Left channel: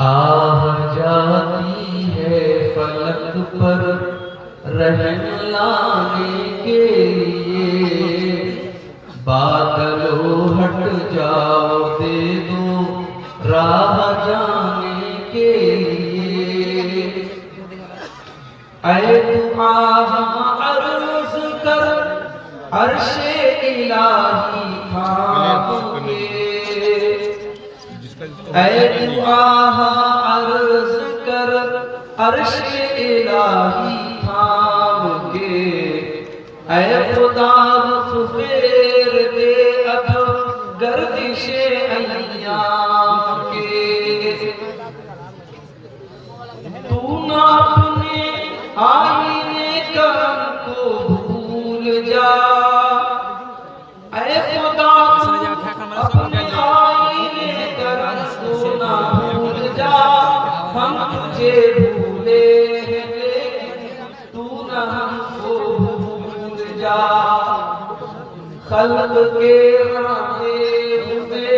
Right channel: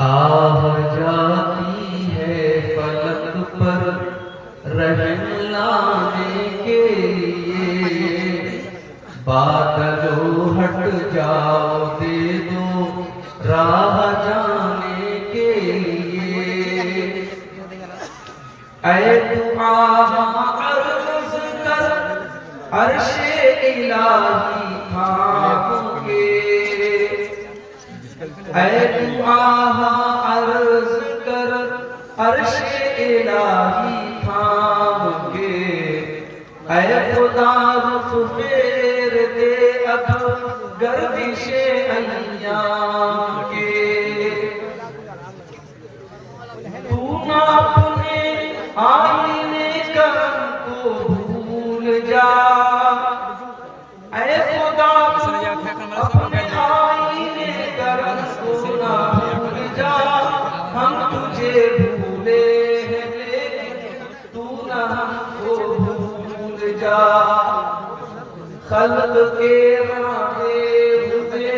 آہ جاتی ہے فلک پر رحم لانے کے لیے، بادلو ہٹ جاؤ دے دو راہ جانے کے لیے۔ اے تو آہ عرض کر عرش الہی تھام کے، اے تو آہ عرض کر عرش الہی تھام کے، اے خدا رخ پھیر دے اب گردش ایام کے۔ تو نہ اپنے آئینے کرم کو بھول جا، اے خدا اپنے آئینے کرم کو نہ بھول جا، ہم تجھے بھولے ہیں لیکن تو نہ ہم کو بھول جا۔ خلق کے رانے ہوئے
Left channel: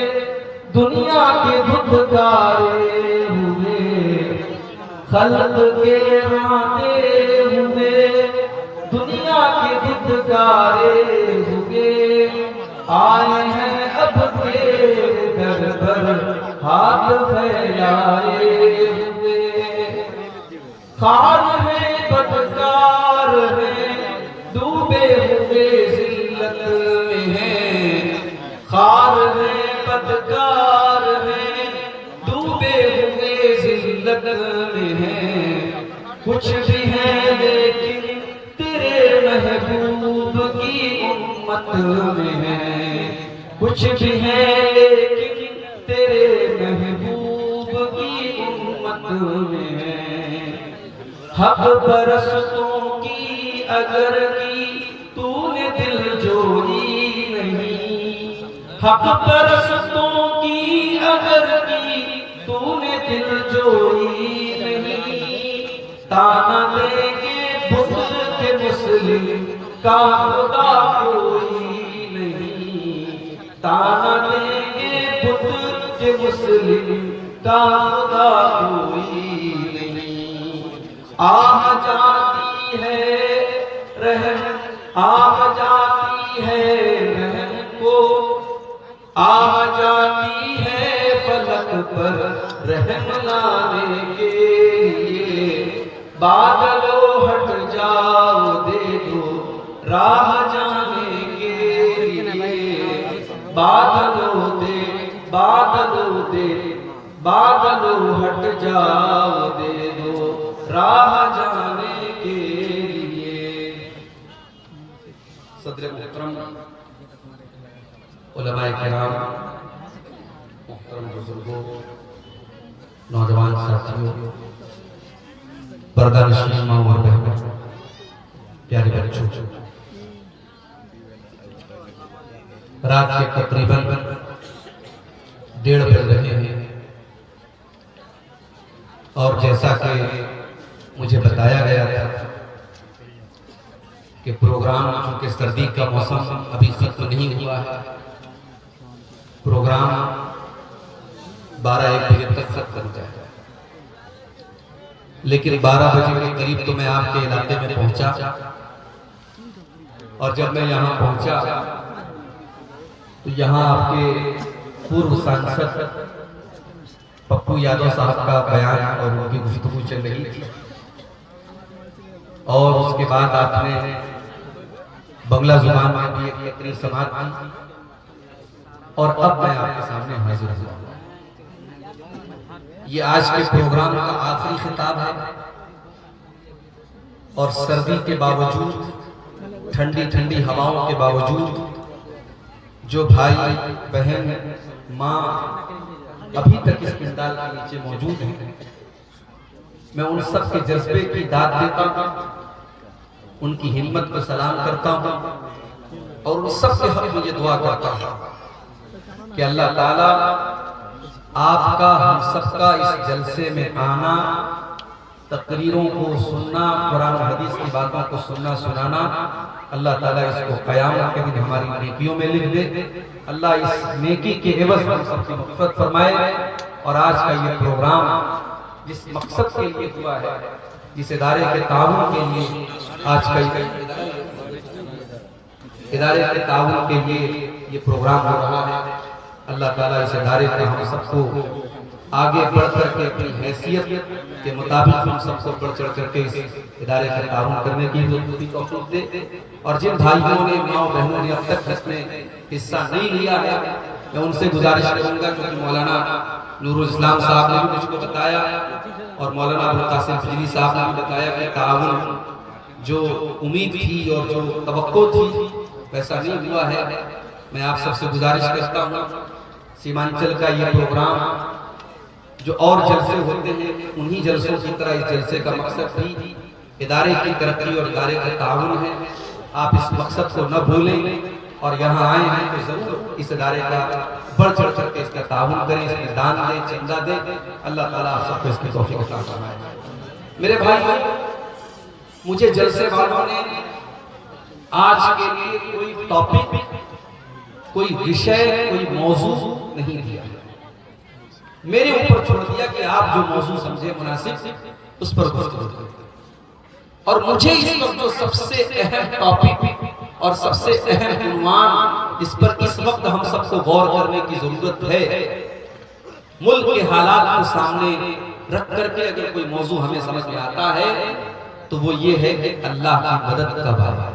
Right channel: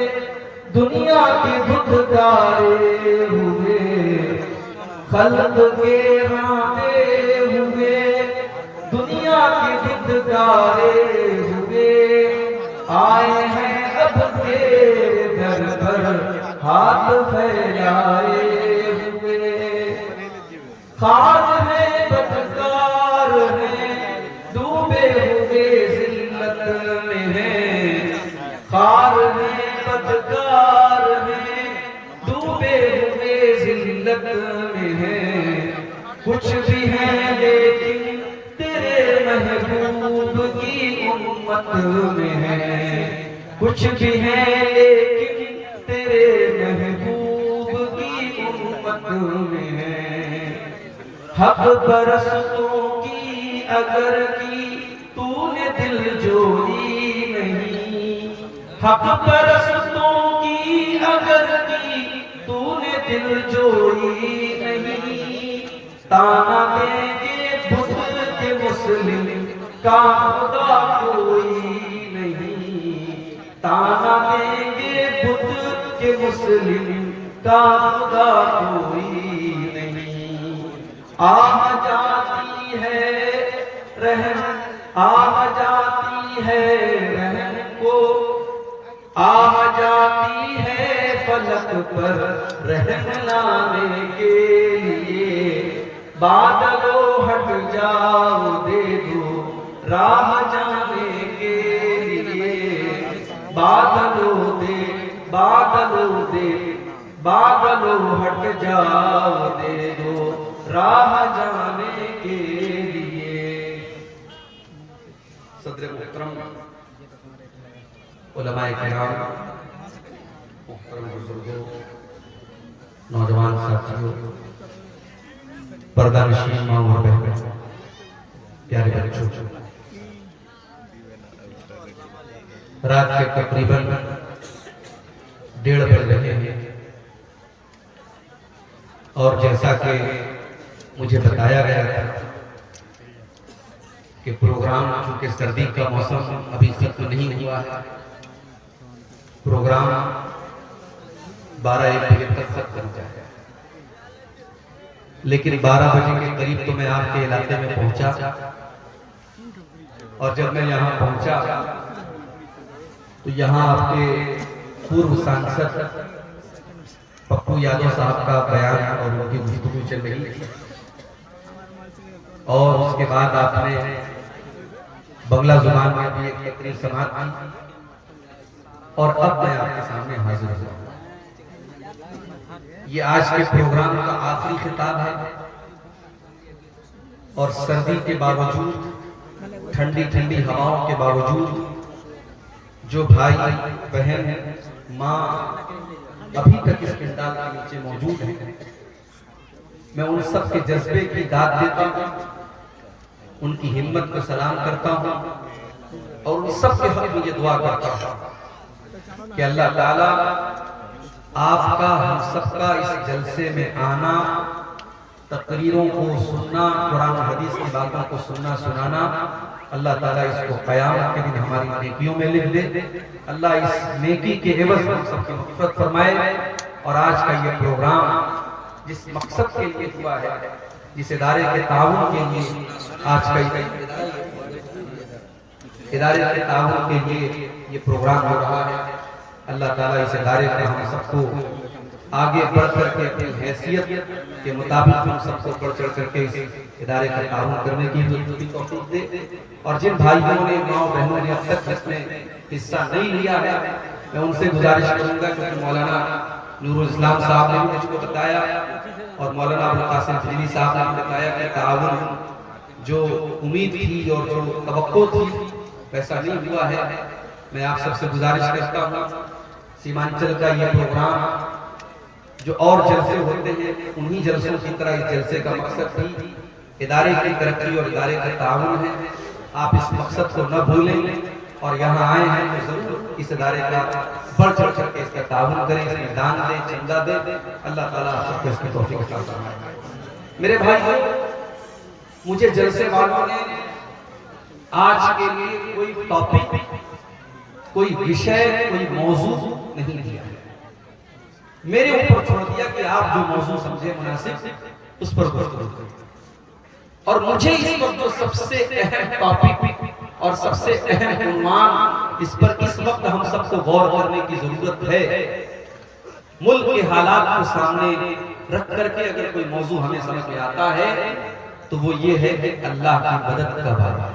دنیا کے دھدکارے ہوئے، خلق کے رانے ہوئے دنیا کے دھدکارے ہوئے، آئے ہیں اب تیرے در پر ہاتھ پھیلائے ہوئے۔ خار ہیں بدکار ہیں ڈوبے ہوئے ذلت میں ہیں، خار ہیں بدکار ہیں ڈوبے ہوئے ذلت میں ہیں، کچھ بھی ہیں لیکن تیرے محبوب کی امت میں ہیں، کچھ بھی ہیں لیکن تیرے محبوب کی امت میں ہیں۔ حق پرستوں کی اگر کی تو نے دل جوئی نہیں، حق پرستوں کی اگر کی تو نے دل جوئی نہیں، تانا دیں گے بت کے مسلم کا خدا کوئی نہیں، تانا دیں گے بت کے مسلم کا خدا کوئی نہیں۔ آہ جاتی ہے رحم، آہ جاتی ہے رحم کو، آہ جاتی ہے فلک پر رحم لانے کے لیے، بادلو ہٹ جاؤ دے دو راہ جانے کے لیے، بادلو دے بادلو دے بادلو ہٹ جاؤ دے دو راہ جانے کے لیے۔ صدر محترم، علماء کرام، محترم بزرگوں، نوجوان ساتھیوں، پردہ نشین ماں اور بہنوں، پیارے بچوں، رات کے تقریباً 1:30 بج رہے ہیں، اور جیسا کہ مجھے بتایا گیا تھا کہ پروگرام چونکہ سردی کا موسم ابھی ختم نہیں ہوا ہے، پروگرام 12-1 بجے تک ختم ہو جائے گا، لیکن 12 بجے کے قریب تو میں آپ کے علاقے میں پہنچا، اور جب میں یہاں پہنچا تو یہاں آپ کے پورو سانسد پپو یادو صاحب کا بیان اور ان کی گفتگو چل رہی تھی، اور اس کے بعد آپ نے بنگلہ زبان میں بھی ایک تقریر سماعت کی، اور اب میں آپ کے سامنے حاضر ہوں۔ یہ آج کے پروگرام کا آخری خطاب ہے، اور سردی کے باوجود، ٹھنڈی ٹھنڈی ہواؤں کے باوجود، جو بھائی بہن ماں ابھی تک اس پنڈال کے نیچے موجود ہیں، میں ان سب کے جذبے کی داد دیتا ہوں، ان کی ہمت کو سلام کرتا ہوں، اور ان سب کے حق میں یہ دعا کرتا ہوں کہ اللہ تعالیٰ آپ کا ہم سب کا اس جلسے میں آنا، تقریروں کو سننا، قرآن و حدیث کی باتوں کو سننا سنانا، اللہ تعالیٰ اس کو قیامت کے دن ہماری نیکیوں میں لکھ دے۔ اللہ اس نیکی کے عوض ہم سب کی مغفرت فرمائے۔ اور آج کا یہ پروگرام جس مقصد کے لیے ہوا ہے، جس ادارے کے تعاون کے لیے آج کا ادارے کے تعاون کے لیے یہ پروگرام ہو رہا ہے، اللہ تعالیٰ اس ادارے کو ہم سب کو آگے بڑھ کر کے اپنی حیثیت کے مطابق ہم سب کو بڑھ چڑھ کر کے اس ادارے کا تعاون کرنے کی توفیق دے۔ اور جن بھائیوں نے، ماں بہنوں نے اب تک اس میں حصہ نہیں لیا ہے، میں ان سے گزارش کروں گا، کیونکہ مولانا نور الاسلام صاحب نے بھی مجھ کو بتایا اور مولانا ابوالقاسم فضلی صاحب نے بھی بتایا کہ تعاون جو امید تھی اور جو توقع تھی ویسا نہیں ہوا ہے۔ میں آپ سب سے گزارش کرتا ہوں، سیمانچل کا یہ پروگرام جو اور جلسے ہوتے ہیں انہی جلسوں کی طرح اس جلسے کا مقصد بھی ادارے کی ترقی اور ادارے کا تعاون ہے۔ آپ اس مقصد کو نہ بھولیں اور یہاں آئے ہیں تو ضرور اس ادارے کا بڑھ چڑھ کر کے اس کا تعاون کریں، اس میں دان دیں، چندہ دیں۔ اللہ تعالیٰ آپ سب کو اس کی توفیق عطا فرمائے۔ میرے بھائی، مجھے جلسے والوں نے آج کے لیے کوئی ٹاپک، کوئی وشے، کوئی موضوع نہیں دیا، میرے اوپر چھوڑ دیا کہ آپ جو موضوع سمجھے مناسب اس پر گفتگو کریں۔ اور مجھے اس وقت جو سب سے اہم ٹاپک اور سب سے اہم عنوان اس پر اس وقت ہم سب کو غور کرنے کی ضرورت ہے، ملک کے حالات کو سامنے رکھ کر کے اگر کوئی موضوع ہمیں سمجھ میں آتا ہے تو وہ یہ ہے کہ اللہ کی مدد کب آئے۔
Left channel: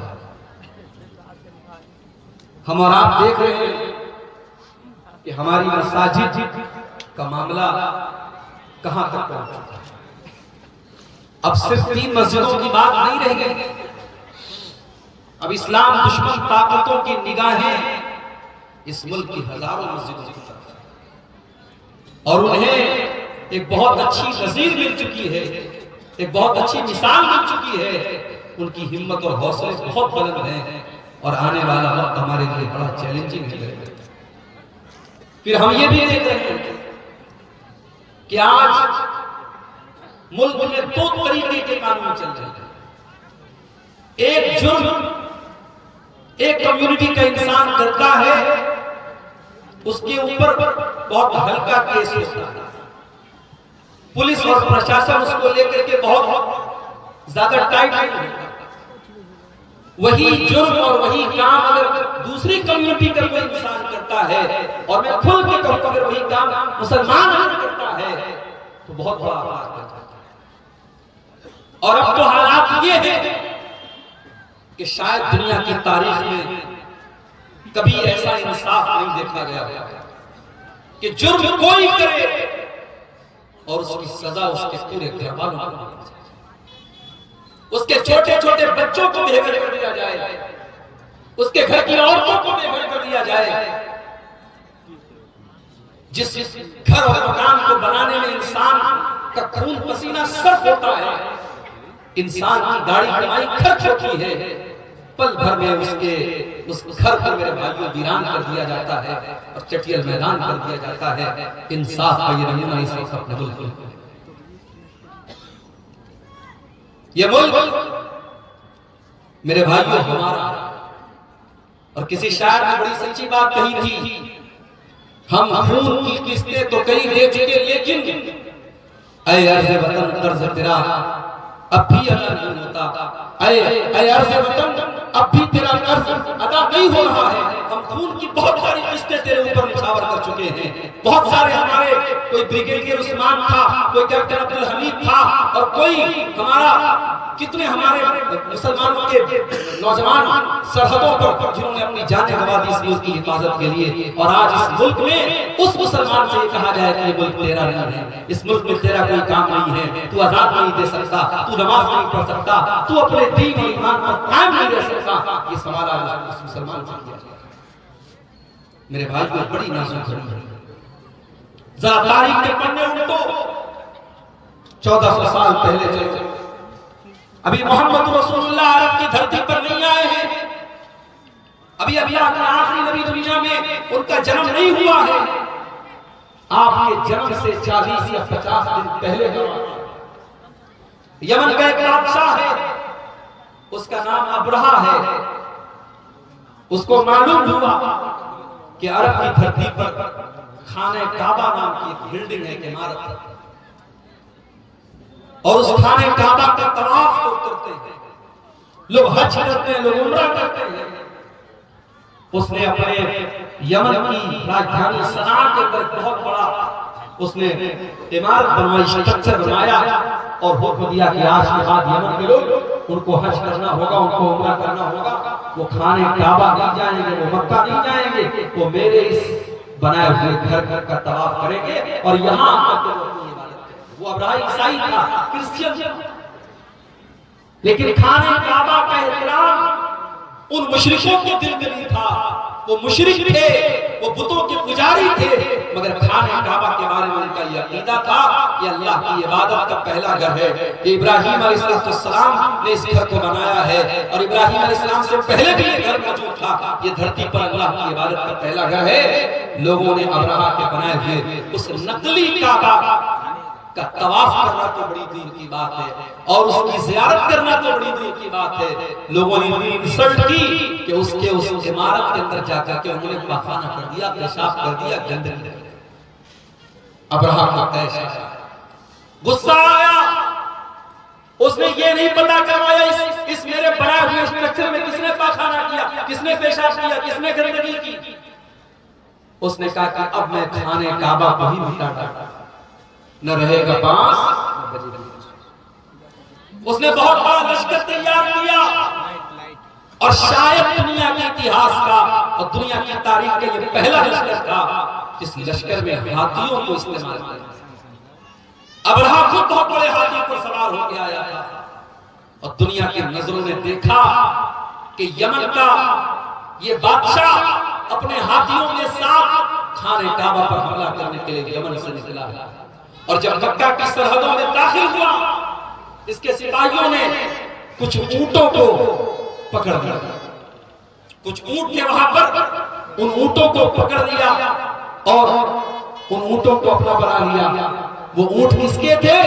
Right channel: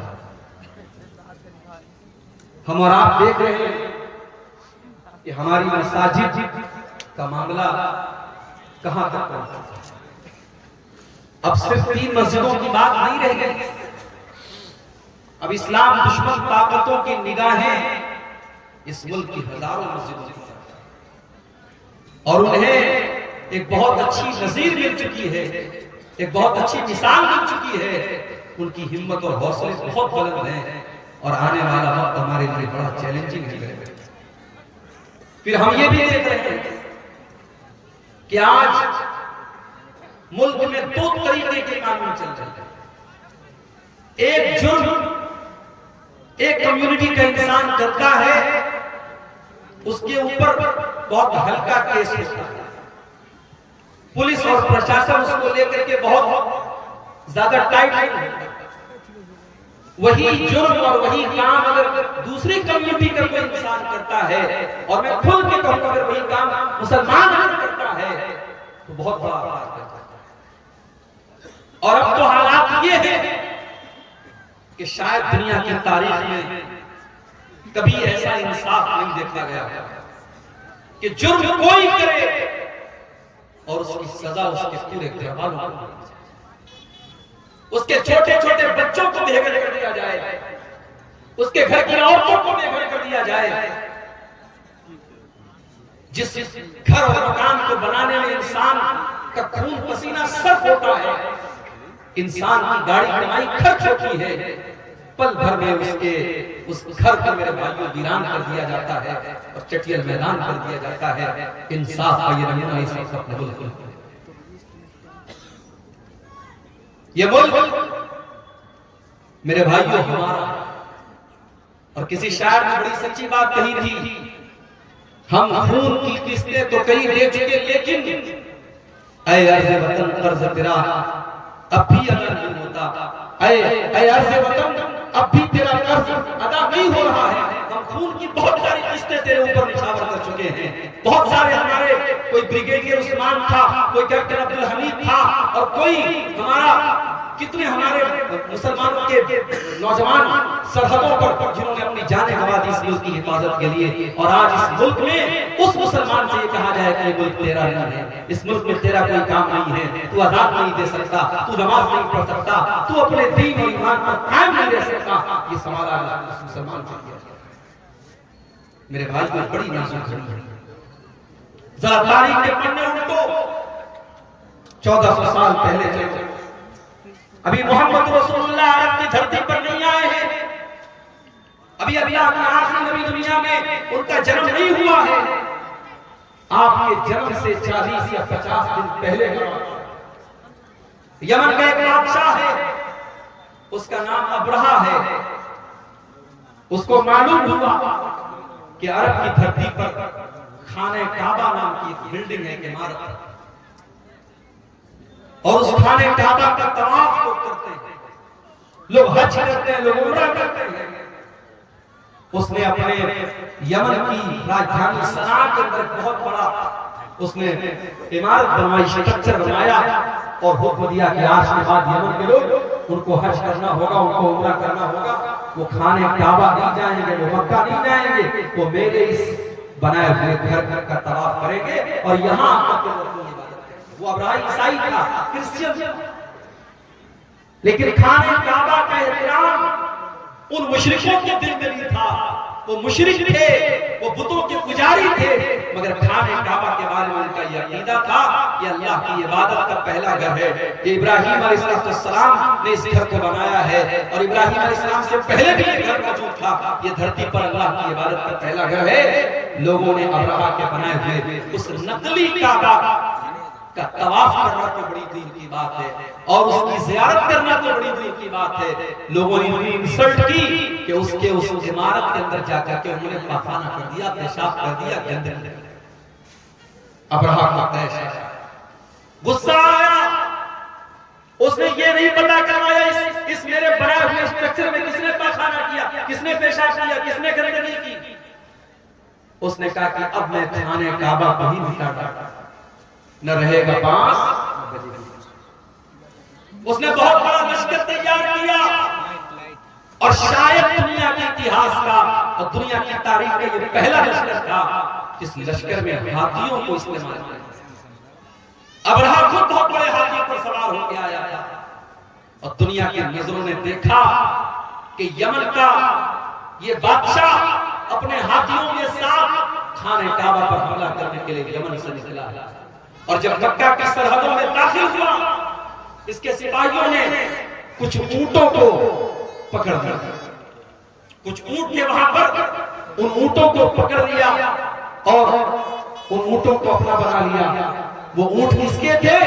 ہم اور آپ دیکھ رہے ہیں کہ ہماری مساجد کا معاملہ کہاں تک پہنچا ہے۔ اب صرف 3 مسجدوں کی بات نہیں رہ گئی، اب اسلام دشمن طاقتوں کی نگاہیں اس ملک کی ہزاروں مسجدوں کی طرف ہیں اور انہیں ایک بہت اچھی نظیر مل چکی ہے، ایک بہت اچھی مثال مل چکی ہے۔ ان کی ہمت اور حوصلے بہت بلند ہیں اور آنے والا وقت ہمارے لیے بڑا چیلنجنگ ہے۔ پھر ہم یہ بھی دیکھ رہے ہیں کہ آج ملک میں 2 طریقے کے قانون چل رہے ہیں۔ ایک جرم ایک کمیونٹی کا انسان کرتا ہے، اس کے اوپر بہت ہلکا کیس ہوتا ہے، پولیس اور پرشاسن اس کو لے کر کے بہت زیادہ ٹائٹ نہیں ہوتا۔ وہی جرم اور وہی کام اگر دوسری کمیونٹی کا کوئی انسان کرتا ہے، اور میں کھل کے کہوں کہ اگر وہی کام مسلمان کرتا ہے تو بہت بڑا اثر کرتا ہے۔ اور اب تو حالات یہ ہیں کہ شاید دنیا کی تاریخ میں کبھی ایسا انصاف نہیں دیکھا گیا کہ جرم کوئی کرے اور اس کی سزا اس کے پورے گھر والوں کو دی جائے، اس کے چھوٹے چھوٹے بچوں کو بے گھر کر دیا جائے، اس کے گھر کی عورتوں کو بے گھر کر دیا جائے۔ جس گھر اور مکان کو بنانے میں انسان کا خون پسینہ صرف ہوتا ہے، انسان کی داڑھی کمائی خرچ ہوتی ہے، پل بھر میں اس گھر کو میرے بھائیوں ویران کر دیا جاتا ہے اور چٹیل میدان کر دیا جاتا ہے۔ انصاف کا یہ نمونہ اس وقت اپنے ملک میں، یہ ملک میرے بھائیوں ہمارا۔ اور کسی شاعر نے بڑی سچی بات کہی تھی، ہم خون کی قسطیں تو کہیں دے چکے لیکن اے عرض وطن قرض تیرا اب بھی ادا نہیں ہوتا، اے عرض وطن اب بھی تیرا قرض ادا نہیں ہو رہا ہے۔ ہم خون کی بہت ساری قسطیں تیرے اوپر نچھاور کر چکے ہیں، بہت سارے ہمارے، کوئی بریگیڈیئر عثمان تھا، کوئی کیپٹن عبدالحمید تھا، اور کوئی ہمارا، کتنے ہمارے مسلمانوں کے نوجوان سرحدوں پر جنہوں نے اپنی جانیں گنوا دی اس ملک کی حفاظت کے لیے۔ اور آج اس ملک میں اس مسلمان سے یہ کہا جائے کہ یہ ملک تیرا نہیں ہے، اس ملک میں تیرا کوئی کام نہیں ہے، تو آزاد نہیں دے سکتا، تو نماز نہیں پڑھ سکتا، تو اپنے دین اور ایمان پر قائم نہیں رہ سکتا۔ یہ سوال آج اس مسلمان سے کیا جاتا ہے۔ میرے بھائی کو بڑی نازک گھڑی ہے، ذرا تاریخ کے پڑھنے ان کو 1400 سال پہلے چلے، ابھی محمد رسول اللہ عرب کی دھرتی پر نہیں آئے ہیں، ابھی اللہ کا آخری نبی دنیا میں ان کا جنم نہیں ہوا ہے۔ آپ کے جنم سے 40 یا 50 دن پہلے یمن کا ایک بادشاہ ہے، اس کا نام ابرہہ ہے، اس کو معلوم ہوا کہ عرب کی دھرتی پر خانہ کعبہ نام کی ایک بلڈنگ ہے، ایک عمارت ہے، اور اس خانہ کعبہ کا طواف لوگ کرتے ہیں، لوگ حج کرتے ہیں، لوگ عمرہ کرتے ہیں۔ اس نے اپنے یمن کی راجدھانی صنعا کے اندر بہت بڑا اس نے عمارت بنوائی، اسٹرکچر بنایا، اور حکم دیا کہ آج کے بعد یمن کے لوگ ان کو حج کرنا ہوگا، ان کو عمرہ کرنا ہوگا، وہ خانہ کعبہ نہیں جائیں گے، وہ مکہ نہیں جائیں گے، وہ میرے اس بنائے ہوئے گھر کا طواف کریں گے، اور یہاں آ کر کے اپنی عبادت کریں گے۔ وہ ابراہیم عیسائی تھا، کرسچن تھا، لیکن خانہ کعبہ کا احترام ان مشرکوں کے دل میں نہیں تھا۔ وہ مشرک تھے، وہ بتوں کے پجاری تھے، مگر خانہ کعبہ کے بارے میں ان کا یہ عقیدہ تھا کہ اللہ کی عبادت کا پہلا گھر ہے۔ ابراہیم علیہ السلام نے اس گھر کو بنایا ہے، اور ابراہیم علیہ السلام سے پہلے بھی یہ گھر موجود تھا۔ یہ دھرتی پر اللہ کی عبادت کا پہلا گھر ہے۔ لوگوں نے ابراہا کے بنائے ہوئے اس نقلی کعبہ کا طواف کرنا تو بڑی دور کی بات ہے، اور اس کی زیارت کرنا تو بڑی دور کی بات ہے۔ لوگوں نے انسلٹ کی کہ اس عمارت کے اندر جا کر کے انہوں نے پاخانہ کر دیا، پیشاب کر دیا، گندگی۔ ابراہا کو تیش آیا، غصہ آیا، اس نے یہ نہیں پتا کروایا اس میرے بنائے ہوئے اسٹرکچر میں کس نے پاخانہ کیا، کس نے پیشاب کیا، کس نے گندگی کی۔ اس نے کہا کہ اب میں خانہ کعبہ کو ہی مٹا ڈالتا، نہ رہے گا بانس۔ اس نے بہت بڑا لشکر تیار کیا، اور شاید دنیا کے اتہاس کا اور دنیا کی تاریخ کا یہ پہلا لشکر تھا جس لشکر میں ہاتھیوں کو استعمال کیا۔ ابرہا خود بہت بڑے ہاتھی پر سوار ہو کے آیا تھا، اور دنیا کی نظروں نے دیکھا کہ یمن کا یہ بادشاہ اپنے ہاتھیوں کے ساتھ خانہ کعبہ پر حملہ کرنے کے لیے یمن سے نکلا ہے۔ اور جب مکہ کی سرحدوں میں داخل ہوا، اس کے سپاہیوں نے کچھ اونٹوں کو پکڑ لیا، کچھ اونٹ کے وہاں پر ان اونٹوں کو پکڑ لیا، اور ان اونٹوں کو اپنا بنا لیا۔ وہ اونٹ کس کے تھے؟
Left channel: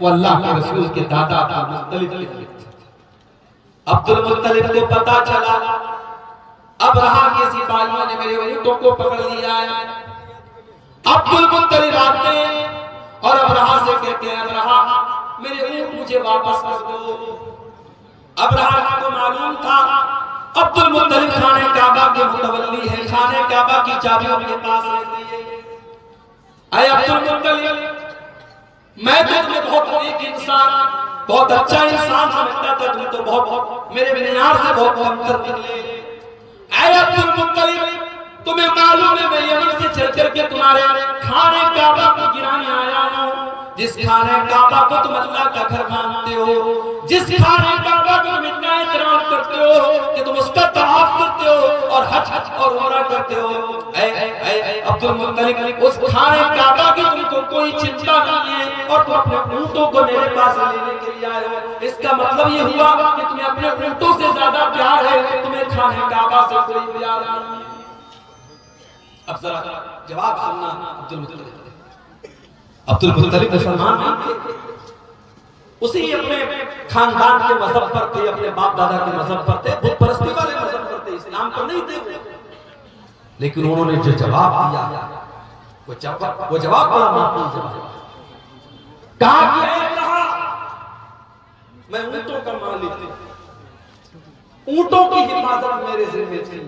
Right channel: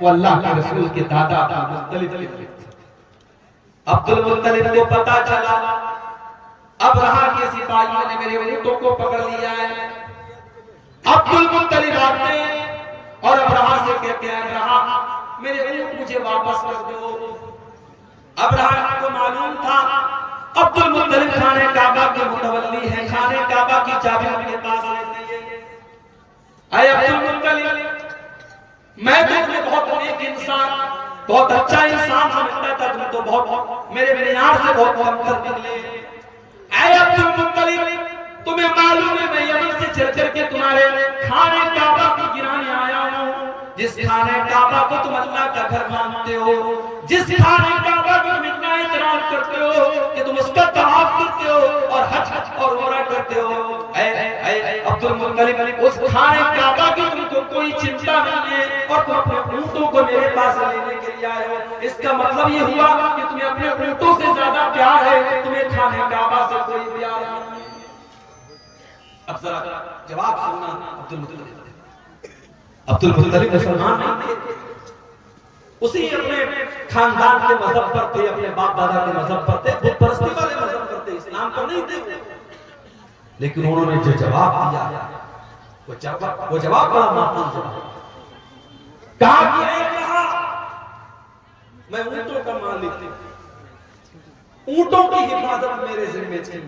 وہ اللہ کے رسول کے دادا عبدالمطلب کے تھے۔ عبدالمطلب کو پتا چلا ابرہا کے سپاہیوں نے میرے اونٹوں کو پکڑ لیا ہے۔ عبدالمطلب آتے اور ابرہا سے کہتے ہیں، ابرہا میرے اونٹ مجھے واپس کر دو۔ ابرہا کو معلوم تھا عبدالمطلب خانہ کعبہ کے متولی ہے، خانہ کعبہ کی چابی ان کے پاس رہتی ہے۔ اے عبدالمطلب، میں تمہیں بہت ایک انسان، بہت اچھا انسان سمجھتا تھا، تم تو بہت میرے معیار سے بہت کمتر نکلے۔ اے عبدالمطلب، تمہیں معلوم ہے میں یمن سے چل کر کے تمہارے خانہ کعبہ کو گرانے آیا ہوں، جس خانہ کعبہ کو تم اللہ کا گھر مانتے ہو، جس خانہ کعبہ کو تم اتنا احترام کرتے ہو کہ تم اس کا طواف کرتے ہو اور حج اور عمرہ کرتے ہو۔ اے عبدالمطلب، اس خانہ کعبہ کی تم کو کوئی چنتا نہیں ہے، اور تم اپنے اونٹوں کو میرے پاس لینے کے لیے آئے ہو۔ اس کا مطلب یہ ہوا کہ تمہیں اپنے اونٹوں سے زیادہ پیار ہے، تمہیں خانہ کعبہ سے کوئی پیار نہیں۔ اب ذرا جواب سننا عبدالمطلب مسلمان نہیں تھے، اسی اپنے خاندان کے مذہب پر تھے، اپنے باپ دادا کے مذہب پر تھے، بت پرستی والے مذہب پر تھے، اسلام پر نہیں تھے۔ لیکن انہوں نے جو جواب دیا وہ جواب بڑا معقول جواب کہا کہ اے ابرہا، میں اونٹوں کا مالک ہوں، اونٹوں کی حفاظت میرے ذمہ تھی،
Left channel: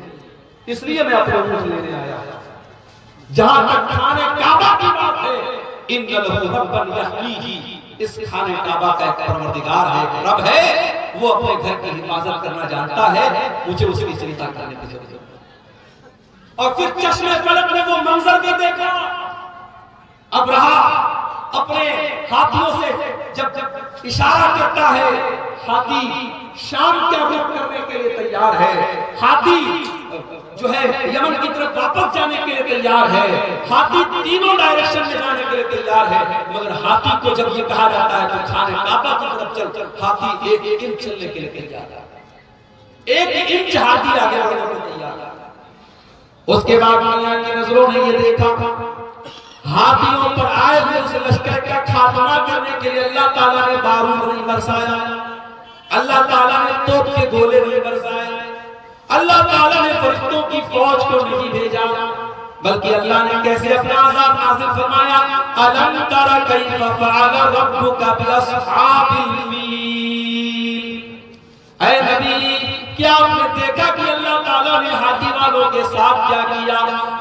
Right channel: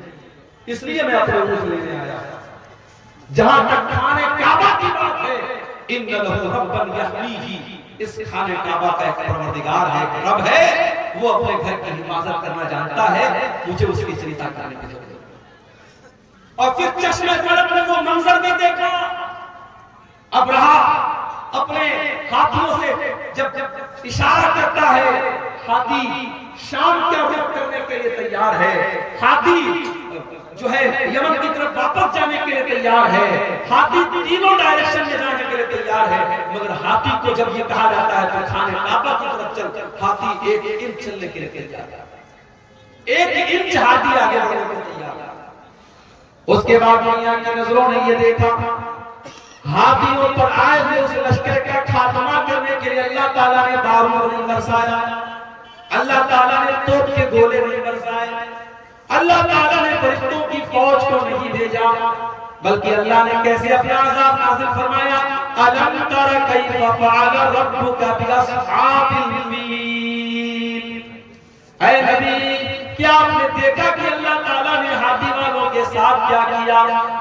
اس لیے میں اپنے اونٹ لینے آیا۔ جہاں تک خانہ کعبہ کی بات ہے، ان لہو ربا یحمیہ، اس خانہ کعبہ کا ایک پروردگار ہے، رب ہے، وہ اپنے گھر کی حفاظت کرنا جانتا ہے، مجھے اس کی چنتا کرنے کی ضرورت ہے۔ اور پھر چشم فلک نے وہ منظر بھی دیکھا، ابرہا اپنے ہاتھیوں سے جب اشارہ کرتا ہے، ہاتھی شام کیا رخ کرنے کے لیے تیار ہے، ہاتھی جو ہے یمن کی طرف واپس جانے کے لیے تیار ہے، ہاتھی تینوں ڈائریکشن میں جانے کے لیے تیار ہے، مگر ہاتھی کو جب یہ کہا جاتا ہے کہ خانہ کعبہ کی طرف چل، ہاتھی ایک انچ چلنے کے لیے تیار ہے، ایک انچ ہاتھی آگے بڑھنے کے لیے تیار ہے۔ اس کے بعد دنیا کی نظروں نے یہ دیکھا، ہاتھیوں پر آئے ہوئے اس لشکر کا خاتمہ کرنے کے لیے اللہ تعالیٰ نے بارود نہیں برسایا، اللہ تعالیٰ نے توپ کے گولے نہیں برسائے، اللہ تعالیٰ نے فرشتوں کی فوج کو نہیں بھیجا، بلکہ اللہ نے کیسے اپنا عذاب نازل فرمایا، الم تر کیف فعل ربک باصحاب الفیل، اے نبی کیا آپ نے دیکھا کہ اللہ تعالیٰ نے ہاتھی والوں کے ساتھ کیا کیا،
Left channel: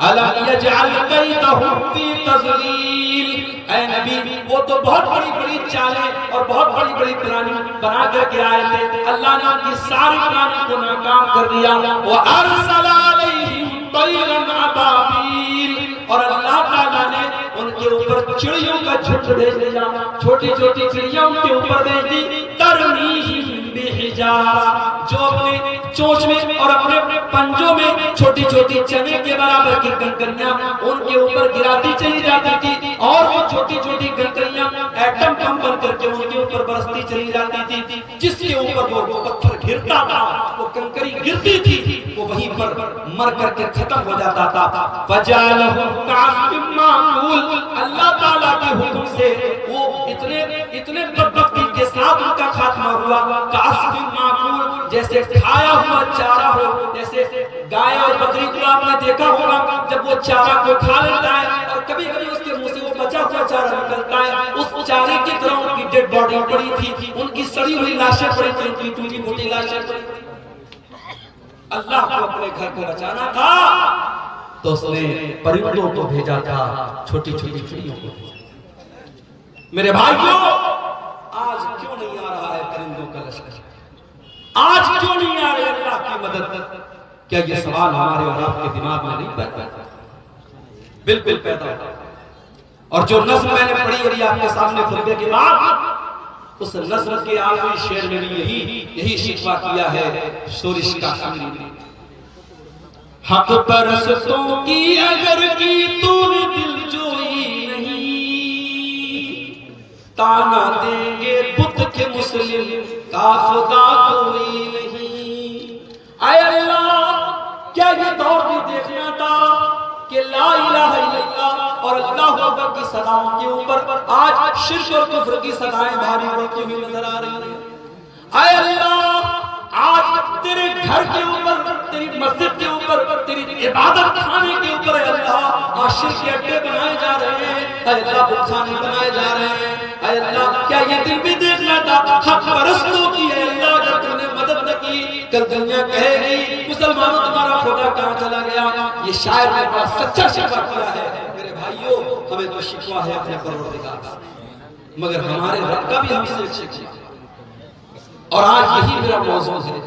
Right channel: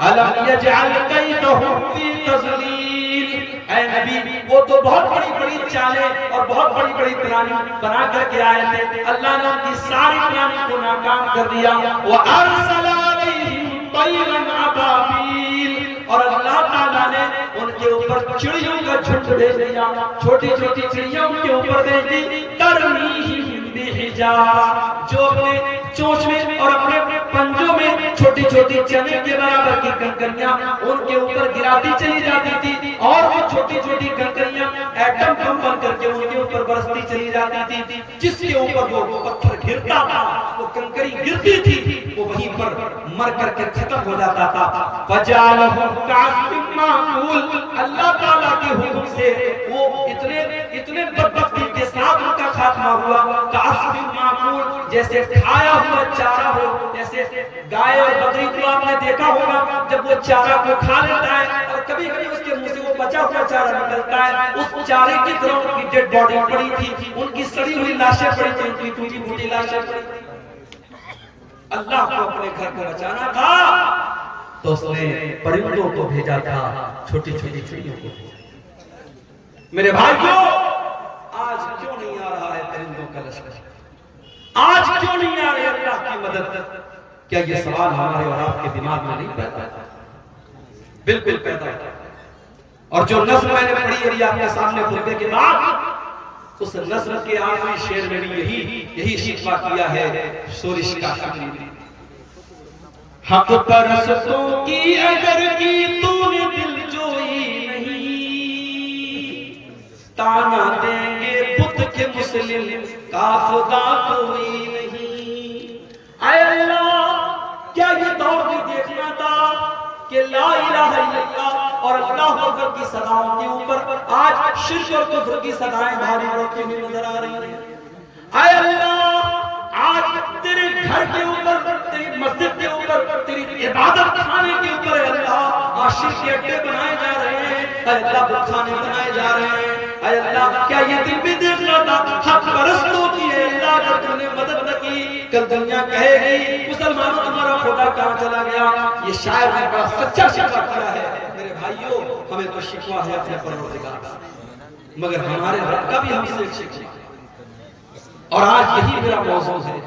الم یجعل کیدہم فی تضلیل، اے نبی وہ تو بہت بڑی بڑی چالیں اور بہت بڑی بڑی پلانیں بنا کر کے آئے تھے، اللہ نے ان کی ساری پلانیں کو ناکام کر دیا، وَأَرْسَلَ عَلَيْهِمْ طَيْرًا أَبَابِيلَ، اور اللہ تعالیٰ نے ان کے اوپر چڑیوں کا جھنڈ بھیج دیا، چھوٹی چھوٹی چڑیاں ان کے اوپر بھیج دی، ترمیہم بحجارہ، جو اپنے چونچ میں اور اپنے پنجوں میں چھوٹی چھوٹی چنے کے برابر کی کنکریاں ان کے اوپر گراتی چلی جاتی تھی، اور وہ چھوٹی چھوٹی کنکریاں ایٹم بم بن کر کے ان کے اوپر برستی چلی جاتی تھی، جس کے اوپر وہ پتھر گرتا تھا، وہ کنکری گرتی تھی، وہ وہیں پر مر کر کے ختم ہو جاتا تھا، فَجَعَلَهُمْ كَعَصْفٍ مَّأْكُولٍ، اللہ تعالیٰ کے حکم سے وہ اتنے بدبختی کے ساتھ ان کا خاتمہ ہوا، كَعَصْفٍ مَّأْكُولٍ، جیسے کھایا ہوا چارہ ہو، جیسے گائے اور بکری کو آپ نے دیکھا ہوگا جب وہ چارہ کو کھا لیتا ہے اور کبھی کبھی اس کے منہ سے وہ بچا ہوا چارہ نکلتا ہے، اس چارے کی طرح ان کی ڈیڈ باڈی پڑی تھی، ان کی سڑی ہوئی لاشیں پڑی تھی، ان کی ٹوٹی پھوٹی لاشیں پڑی تھی۔ اللہ کو اپنے گھر کو بچانا تھا تو اس نے پرندوں کو بھیجا تھا، چھوٹی چھوٹی چڑیوں کو بھیجا۔ میرے بھائیوں، آج کیوں نہیں آ رہا ہے پرندوں کا لشکر؟ آج کیوں نہیں آ رہی اللہ کی مدد؟ کیا یہ سوال ہمارے اور آپ کے دماغ میں نہیں پیدا ہوتا؟ بالکل پیدا ہوتا۔ اور جو نظم میں نے پڑھی ابھی آپ کے سامنے خطبے کے بعد، اس نظم کے آخری شعر میں بھی یہی شکوہ کیا ہے شورش کا شاعری نے، حق پرستوں کی اگر کی تو نے دل جوئی نہیں، تانا دیں گے بت کے مسلم کا خدا کوئی نہیں۔ اے اللہ، کیا یہ دور بھی دیکھنا تھا کہ لا الہ الا اللہ اور اللہ اکبر کی صداؤں کے اوپر آج شرک اور کفر کی صدائیں بھاری پڑتی ہوئی نظر آ رہی ہیں؟ اے اللہ، آج تیرے گھر کے اوپر، تیری مسجد کے اوپر، تیری عبادت خانے کے اوپر اے اللہ شرک کے اڈے بنائے جا رہے ہیں، اے اللہ بت خانے بنائے جا رہے ہیں۔ اے اللہ، کیا یہ دل بھی دیکھنا تھا حق پرستوں کی اے اللہ اگر تم نے مدد نہ کی، کل دنیا کہے گی مسلمانوں تمہارا خدا کہاں چلا گیا؟ یہ شاعر نے بڑا سچا شکوہ کیا ہے۔ میرے بھائیوں، ہمیں تو شکوہ ہے اپنے پروردگار کا، مگر ہمارے رب کا بھی ہم سے شکوہ ہے۔ اور آج یہی میرا موضوع ہے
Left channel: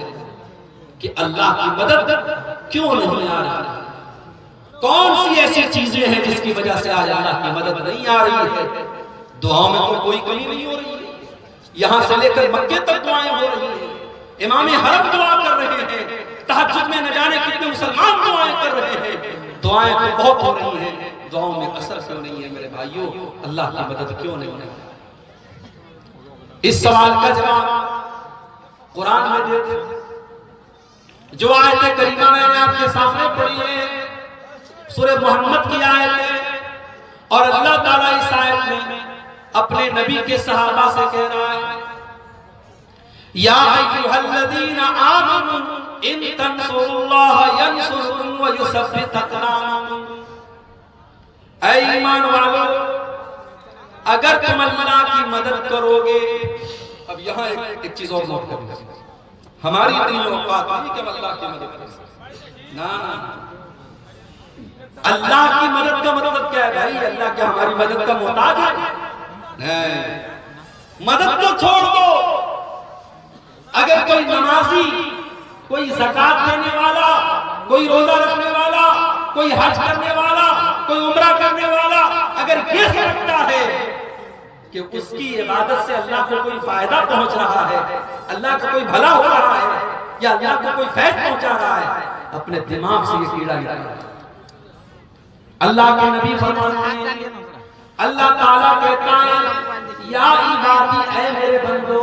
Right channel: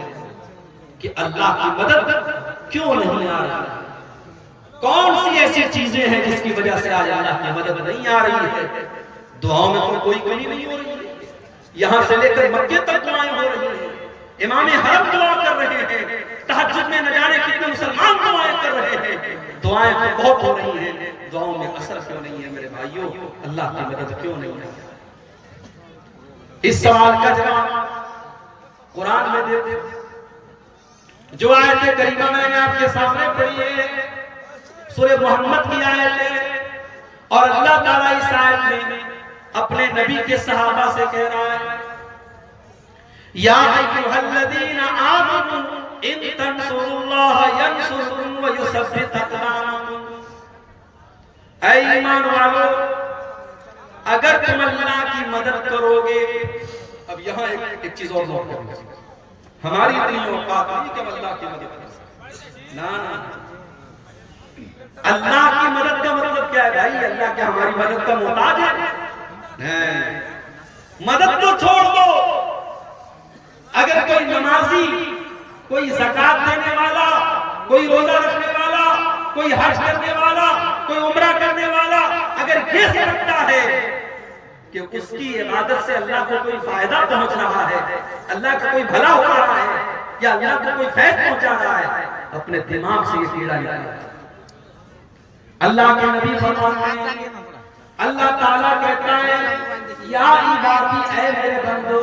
کہ اللہ کی مدد کیوں نہیں آ رہی؟ کون سی ایسی چیزیں ہیں جس کی وجہ سے آج اللہ کی مدد نہیں آ رہی ہے؟ دعاؤں میں تو کوئی کمی نہیں ہو رہی ہے، یہاں سے لے کر مکے تک دعائیں ہو رہی ہیں، امام حرم دعا کر رہے ہیں، تہجد میں نہ جانے کتنے مسلمان دعائیں کر رہے ہیں، دعائیں تو بہت ہو رہی ہیں، دعاؤں میں اثر کیوں نہیں ہے؟ میرے بھائیوں، اللہ کی مدد کیوں نہیں ہے؟ اس سوال کا جواب قرآن میں دیتے، جو آیت کریمہ میں نے آپ کے سامنے پڑھی ہے سورہ محمد کی آیت ہے، اور اللہ تعالیٰ اس آیت میں اپنے نبی کے صحابہ سے کہہ رہا ہے، یا ایھا الذین آمنوا ان تنصروا اللہ ینصرکم ویثبت اقدامکم، اے ایمان والو اگر تم اللہ کی مدد کرو گے۔ اب یہاں ایک چیز اور نوٹ کریں، ہماری اتنی اوقات نہیں کہ ہم اللہ کی مدد کر سکیں، نا اللہ کی مدد کا مطلب کیا ہے بھائی؟ اللہ کیا ہماری مدد کا محتاج ہے؟ نہیں، مدد تو چھوڑ دو، اگر کوئی نمازی، کوئی زکات دینے والا، کوئی روزہ رکھنے والا، کوئی حج کرنے والا، کوئی عمرہ کرنے والا اگر یہ سمجھتا ہے کہ اس کی عبادت سے اللہ کو کوئی فائدہ پہنچ رہا ہے، اللہ کا کوئی بھلا ہو رہا ہے، یا اللہ کو کوئی فیض پہنچا رہا ہے، اپنے دماغ سے یہ کیڑا نکالا۔ اللہ کے نبی فرماتے ہیں، اللہ تعالیٰ کہتا ہے، یا عبادی، اے میرے بندو،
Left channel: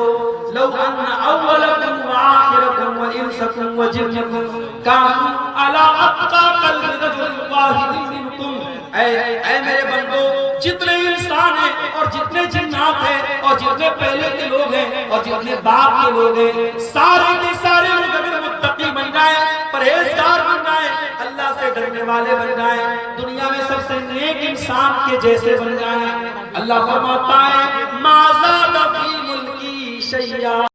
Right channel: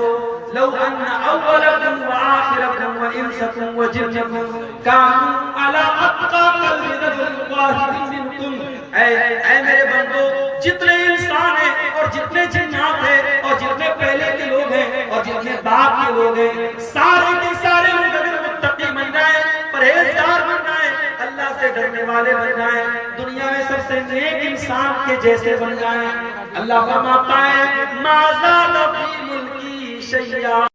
لو ان اولکم وآخرکم وانسکم وجنکم کانوا علی اتقی قلب رجل واحد منکم، اے میرے بندو، جتنے انسان ہیں اور جتنے جنات ہیں اور جتنے پہلے کے لوگ ہیں اور جتنے بعد کے لوگ ہیں، سارے کے سارے لوگ اگر متقی بن جائیں، پرہیزگار بن جائیں، اللہ اللہ سے ڈرنے والے بن جائیں، دنیا میں سب سے نیک انسان کے جیسے بن جائیں۔ اللہ فرماتا ہے ما زاد فی ملکی شیئا،